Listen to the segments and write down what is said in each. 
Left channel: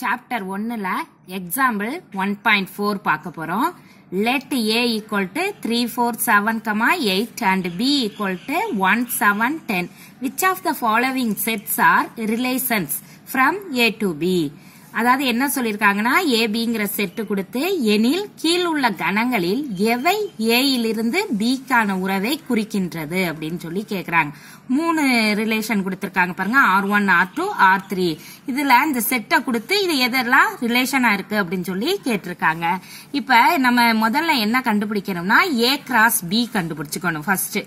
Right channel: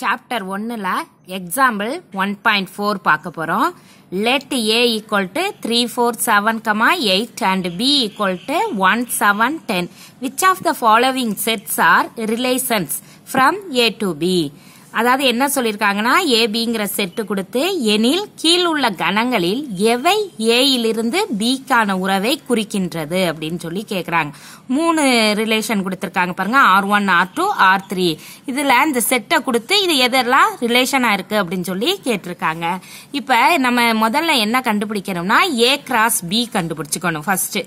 Chapter 1ல example 1.4 பார்க்க போறோம். Let A equal to 3, 4, 7, 8 and B equal to 1, 7, 10. Which of the following sets are relations from A to B? அதாவது என்ன சொல்லிருக்காங்கன்னா ஏபிங்கிற set கொடுத்து எனில் கீழ் உள்ள கணங்களில் எவை ஏயிலிருந்து பிக்கான உறவை குறிக்கின்றது அப்படின்னு சொல்லி கேக்குறாங்க. 3 ரிலேஷன் கொடுத்திருக்காங்க பாருங்க, R1, R2, R3. இதுல இந்த செட்டை கொடுத்து இது எதெல்லாம் ரிலேஷனா இருக்கு அப்படின்னு சொல்லி கேட்டிருக்காங்க. இப்ப நம்ம முதல்ல என்ன கண்டுபிடிக்கணும்னா A கிராஸ் B கண்டுபிடிச்சுக்கணும். ஃபர்ஸ்ட்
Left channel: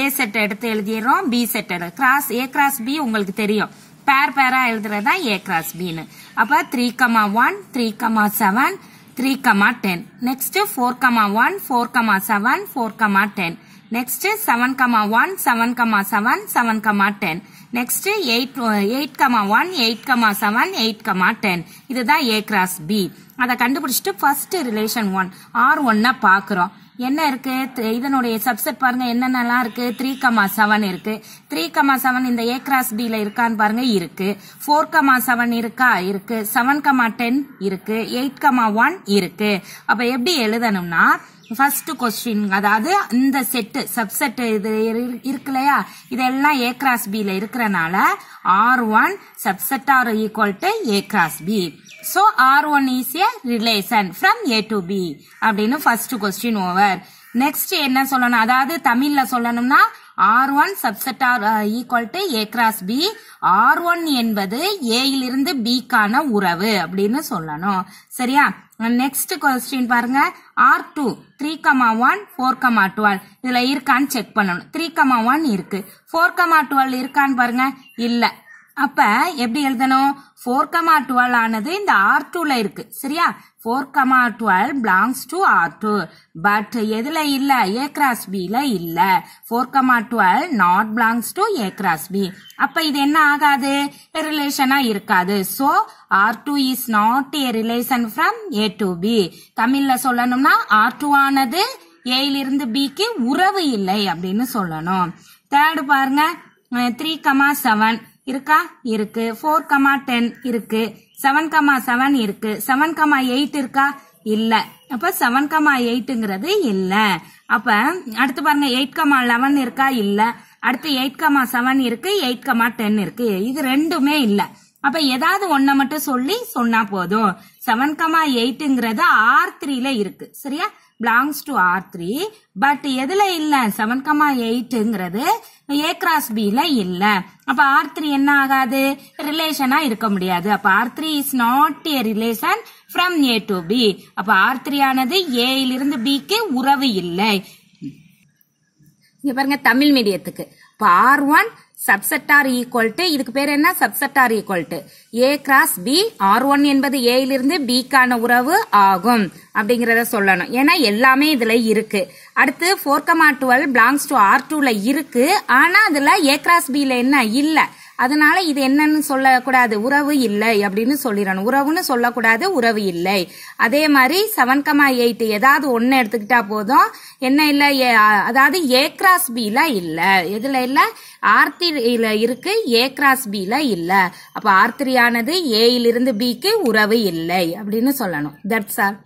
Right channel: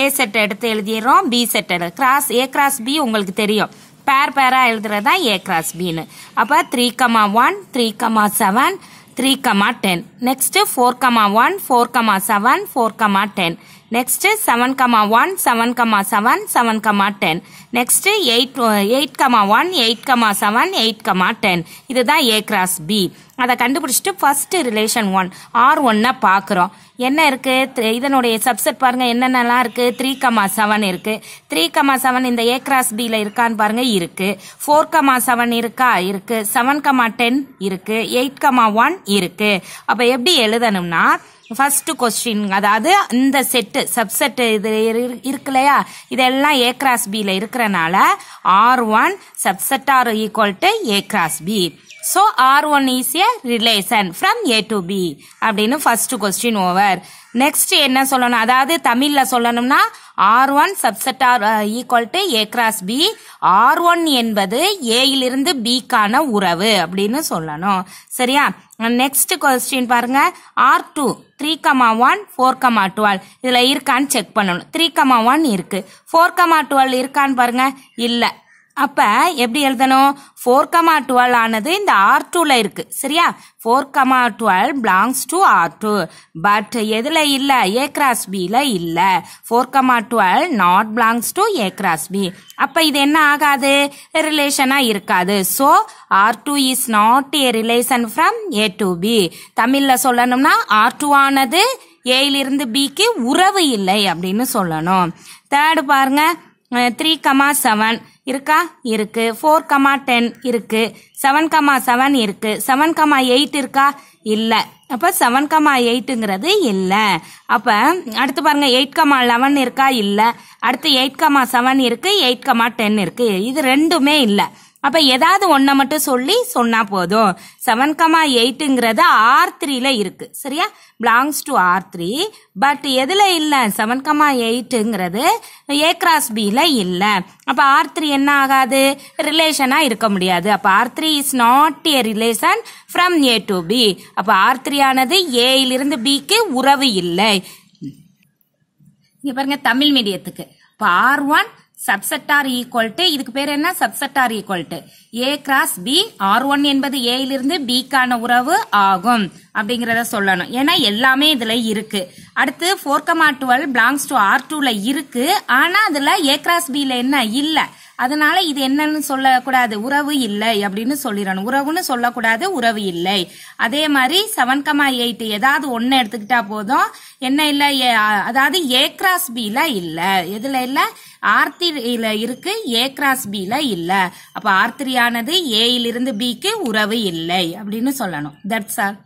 A செட்டை எடுத்து எழுதிடுறோம், B செட்டை கிராஸ் A கிராஸ் B உங்களுக்கு தெரியும், பேர் பேரா எழுதுறதா A கிராஸ் B னு. அப்ப 3,1, 3,7, 3,10. நெக்ஸ்ட் 4,1, 4,7, 4,10. நெக்ஸ்ட் 7,1, 7,7, 7,10. நெக்ஸ்ட் 8,1, 8,7, 8,10. இதுதான் A கிராஸ் B. அதை கண்டுபிடிச்சிட்டு ஃபர்ஸ்ட் ரிலேஷன் 1 R1 பாக்குறோம். என்ன இருக்கு, இதனுடைய சப்செட் பாருங்க என்னென்னலாம் இருக்கு. 3,7 இருக்கு. 3,7 இந்த A கிராஸ் B ல இருக்கான்னு பாருங்க, இருக்கு. 4,7 இருக்கா, இருக்கு. 7,10 இருக்கு. 8,1 இருக்கு. அப்ப எப்படி எழுதணும்னா ஃபர்ஸ்ட் கொஸ்டின், அதாவது இந்த செட் சப்செட் இது இருக்கு இல்லையா, இதெல்லாம் A கிராஸ் B ல இருக்கிறனால R1 subset R equal to A cross B. So R1 is a relation from A to B அப்படின்னு ஃபர்ஸ்ட் கொஸ்டின் ஓவர். நெக்ஸ்ட் என்ன சொல்லணும், அதாவது தமிழ்ல சொல்லணும்னா R1 subset R equal to A cross B. R1 என்பது A இலிருந்து B கான உறவு அப்படின்னு சொல்லணும். சரியா? நெக்ஸ்ட் கொஸ்டின் பாருங்க, R2 3,1, 4,12 இதுல இருக்கான்னு செக் பண்ணணும். 3,1 இருக்கு. 4,12 இருக்கான்னு பாருங்க, இல்ல. அப்ப எப்படி எழுதணும், 4,12 ஆனது இந்த R2 ல இருக்கு. சரியா? 4,12 belongs to R2. பட் எதுல இல்ல, A cross B ல இல்ல. 4,12 not belongs to A cross B. அப்ப இது என்ன ஆகாது, ரிலேஷனா இருக்காது. So R2 is not a relation from A to B. தமிழ்ல சொல்லணும்னா R2 ஆனது A இலிருந்து B க்கு உறவு இல்லை அப்படின்னு சொல்லணும். தேர்ட் பாருங்க, 3,7 இருக்கா, இருக்கு. 4,10 இருக்கு. 7,7 இருக்கு. 7,8 இருக்கா, இல்ல. அப்ப 7,8ங்கிறது இல்ல. அப்ப அடுத்து பாருங்க 8,11 இருக்கா, இல்ல. அடுத்து 8,7 இருக்கு, 8,10 இருக்கு. இது ரெண்டுமே இல்ல. அப்ப ஏதாவது ஒன்ன மட்டும் சொல்லி சொன்னா போதும். 7,8ங்கிறது R3 ல இருக்கு. சரியா? belongs to R3. பட் எதுல இல்ல, 7,8ங்கிறது A கிராஸ் B ல இல்ல. அப்ப R3 என்ன ஆகாது, ரிலேஷனா இருக்க முடியாது. அப்ப R3 is not a relation from A to B. அப்ப R3 ஆனது A இலிருந்து B க்கு உறவு இல்லை. இங்க பாருங்க தமிழ் மீடியத்துக்கு. அப்ப R1 subset R equal to, இதுக்கு பேர் என்ன, subset R equal to A cross B. R1 என்பது A இலிருந்து B கான உறவு ஆகும் அப்படிங்கறத சொல்லணும். ஏன்னா எல்லாமே இதுல இருக்கு. அடுத்து 4,12 belongs to R2 ல இருக்கு. ஆனா அதுல A கிராஸ் B ல என்ன இல்ல. அதனால இது என்னன்னு சொல்லக்கூடாது, உறவு இல்லை அப்படின்னு சொல்லிடணும். உறவுன்னு சொல்லக்கூடாது, உறவு இல்லை. அதே மாதிரி 7,8 ஏதாவது ஒன்னு எடுத்துக்கிட்டா போதும். என்ன இல்ல, அதாவது A கிராஸ் B ல இல்ல. எதுல இல்ல, R3 ல இருக்கு, A கிராஸ் B ல இல்ல. அப்ப R3 ஆனது A இலிருந்து B க்கு உறவு இல்லை அப்படின்னு சொல்லணும். That's all.